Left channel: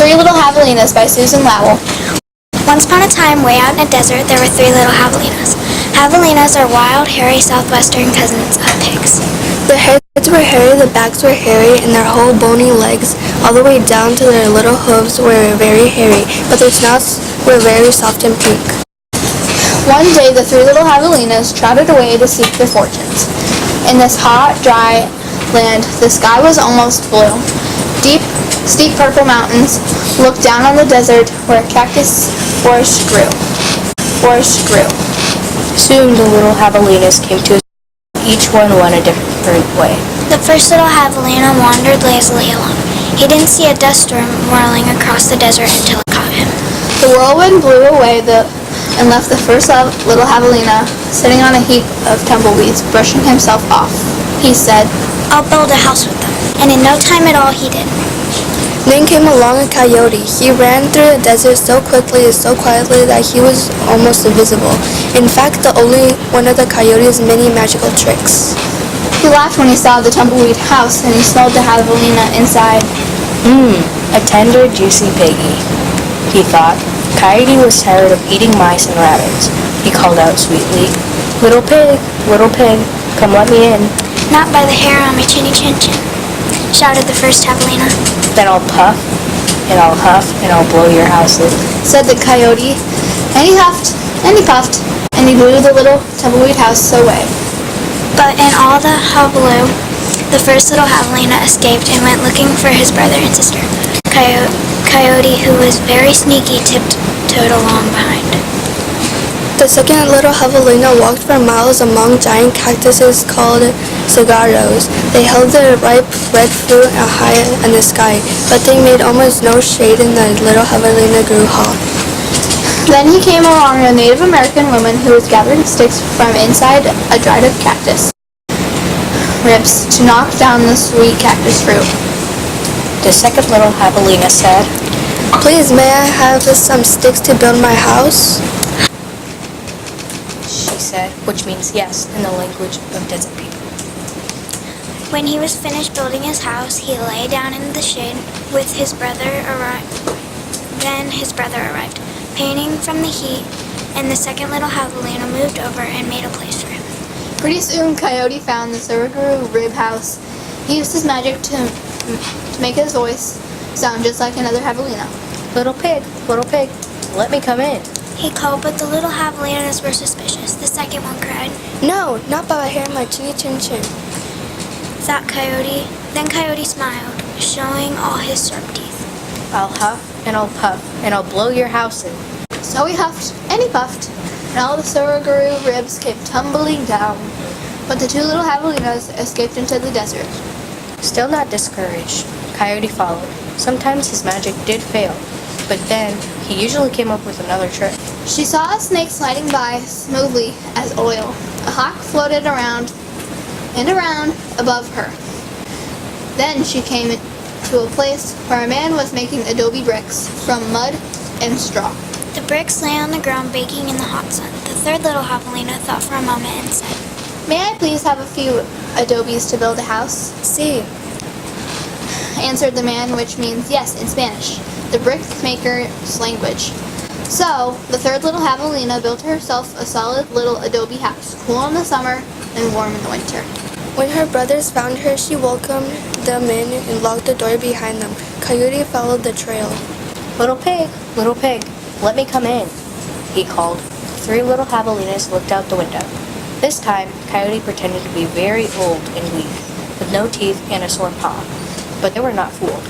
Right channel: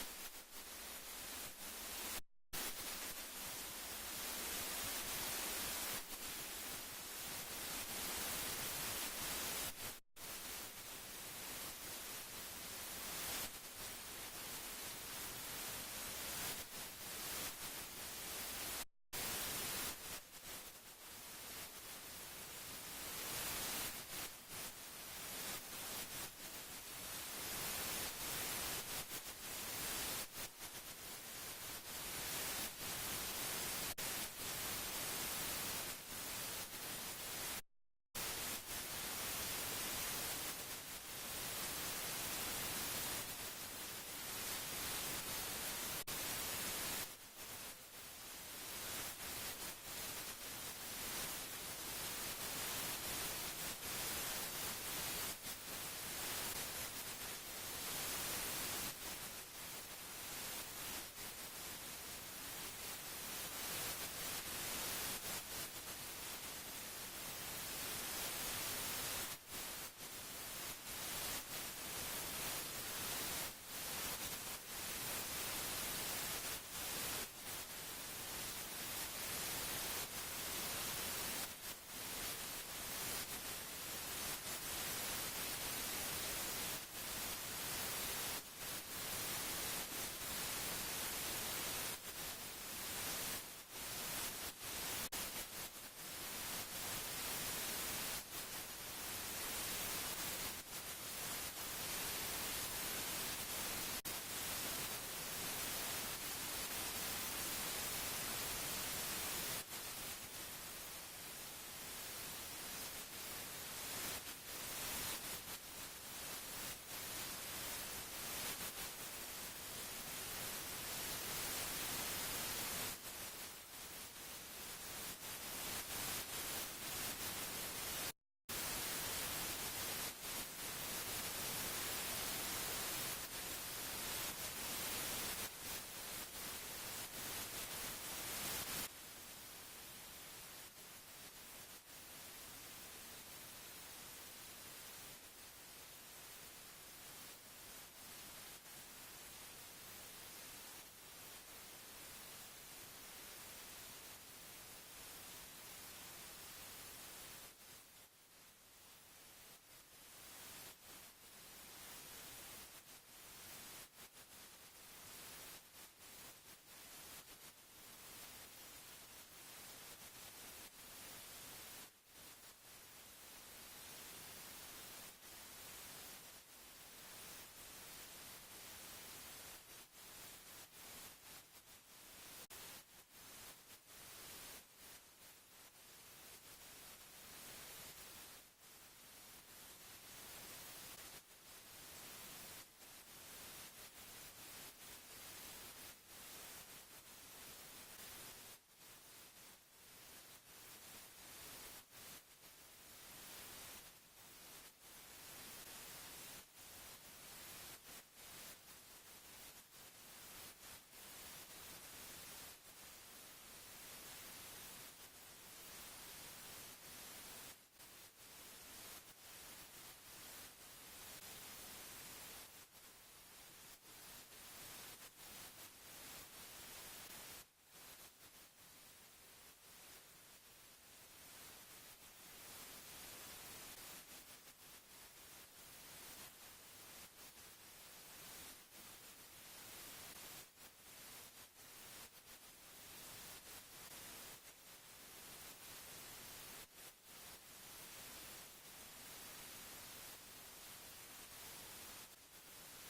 Three Little Javelinas by Susan Lowell. Once upon a time, way out in a desert, there were three little javelinas. Javelinas are wild, hairy, southwestern cousins of pigs. Their heads were hairy, the backs were hairy, and their whole bony legs, all the way down to their little hooves, were very hairy, but their snouts were very soft and pink. One day, the three little javelinas trotted away to seek their fortunes. In this hot, dry land, the sky was almost blue. Deep, steep purple mountains looked down on the desert where cactus forest grew. Soon the little javelinas came to each one went a different way. The first little javelina wandered lazily along. He didn't see a dust storm whirling across the desert until it caught him. The whirlwind blew away and left the first little javelina sitting on a heap of tumbleweeds, brushing himself off. He said, "I'll build a house with them." And in no time at all, he did. Then came along a coyote. He ran through the desert so quickly and so quietly that he was almost invisible. In fact, the only one of the coyote's many magical tricks. He laughed when he saw the tumbleweed house, and he smelled the javelina inside. A tender, juicy piggy, he thought. Coyote was tired of eating mice and rabbits. He called out sweetly, little pig, come let me in." "Not by the hair on my chinny chin chin," shouted the first javelina. "Then I'll puff, and I'll huff, and I'll blow your house in," said the coyote, and he huffed, and he puffed, and he blew the little tumbleweed house away. But in all the hullabaloo, the first little javelina escaped and went looking for his brother and sister. Coyote, who was very sneaky, tiptoed along behind. The second little javelina walked for miles among giant cactuses called cigarros. They held their ripe red fruit high in the sky, but they made almost no shade, and the little javelina grew hot. Then he came along a Native American woman who was gathering sticks from inside a dried up cactus ribs to knock down the sweet cactus fruit. The second little javelina said, "Please, may I have some sticks to build my house?" she said, which means yes in the language of desert people. When he was finished building his house, he lay down in the shade with his brother arrived. Then his brother arrived, panting from the heat, and the second little javelina moved over and made a place for him. Pretty soon, Coyote found the Suruguru rib house. He used his magic to make his voice sound just like another javelina. Little pig, let me come in." He called, but the little javelinas were suspicious. The second one cried, "No, not by the hair on my chinny chin chin," thought Coyote. Then Coyote smiled, showing all his sharp teeth. "I'll huff, and I'll puff, and I'll blow your house in." So he huffed and he puffed, and all the Suruguru ribs came tumbling down. But the two little javelinas escaped into the desert. Still not discouraged, Coyote followed. Sometimes his magic did fail, but then he usually came up with another trick. She saw a snake sliding by smoothly as oil. A hawk floated around and around above her. Then she came to a place where a man was making adobe bricks from mud and straw. The bricks lay on the ground baking in the hot sun. The third little javelina thought for a moment and said, "May I please have a few adobes to build a house?" "See," answered the man, which means yes in Spanish, the brickmaker's language. So the third little javelina built herself a solid little adobe house, cool in the summer and warm in the winter. when her brothers found her, she welcomed them in and locked the door behind them. Coyote followed the trail. Little pig, let me come in," he called. Three little javelinas looked out the window. This time, Coyote pretended to be very old and weak, with no teeth and a sore paw. But they were not fooled.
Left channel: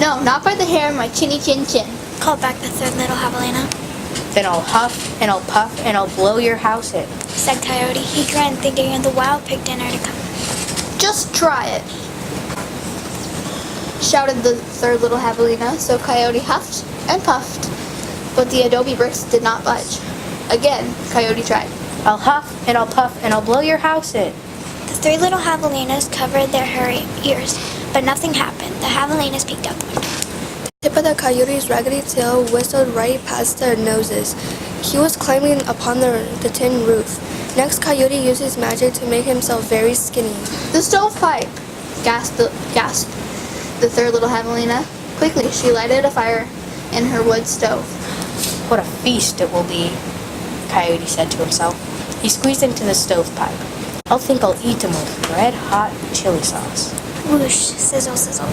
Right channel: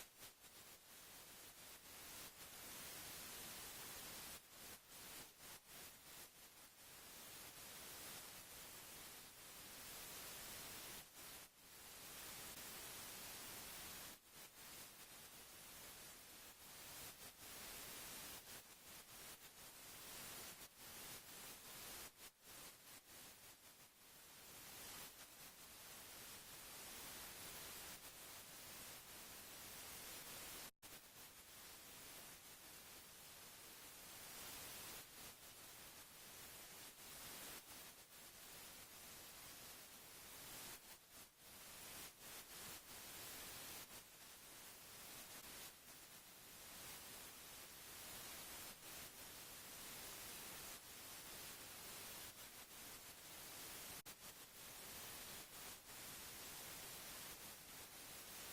"No, not by the hair on my chinny chin chin," called back the third little javelina. "Then I'll huff, and I'll puff, and I'll blow your house in," said Coyote. He grinned, thinking of the wild pig dinner to come. "Just try it," shouted the third little javelina. So Coyote huffed and puffed, but the adobe bricks did not budge. Again, Coyote tried. "I'll huff, and I'll puff, and I'll blow your house in." The three little javelinas covered their hairy ears, but nothing happened. The javelinas peeked out the window. The tip of the coyote's raggedy tail whistled right past their noses. He was climbing upon the tin roof. Next, Coyote used his magic to make himself very skinny. "The stovepipe!" gasped the third little javelina. Quickly, she lighted a fire in her wood stove. What a feast it will be, Coyote said to himself. He squeezed into the stovepipe. I'll think I'll eat them with red-hot chili sauce. Whoosh, sizzle, sizzle.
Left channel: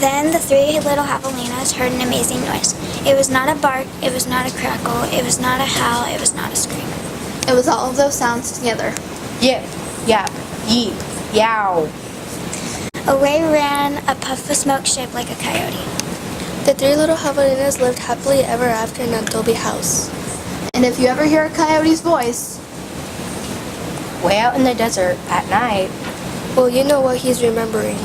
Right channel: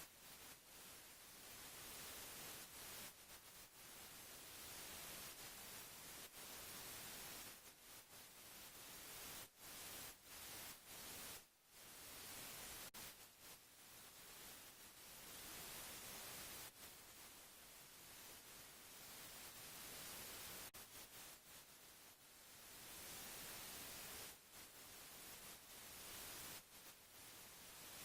Then the three little javelinas heard an amazing noise. It was not a bark, it was not a crackle, it was not a howl, it was not a scream. It was all of those sounds together. Yip, yap, yeep, yow. Away ran a puff of smoke shaped like a coyote. The three little javelinas lived happily ever after in an adobe house. And if you ever hear a coyote's voice, Way out in the desert at night, Well, you know what he's remembering.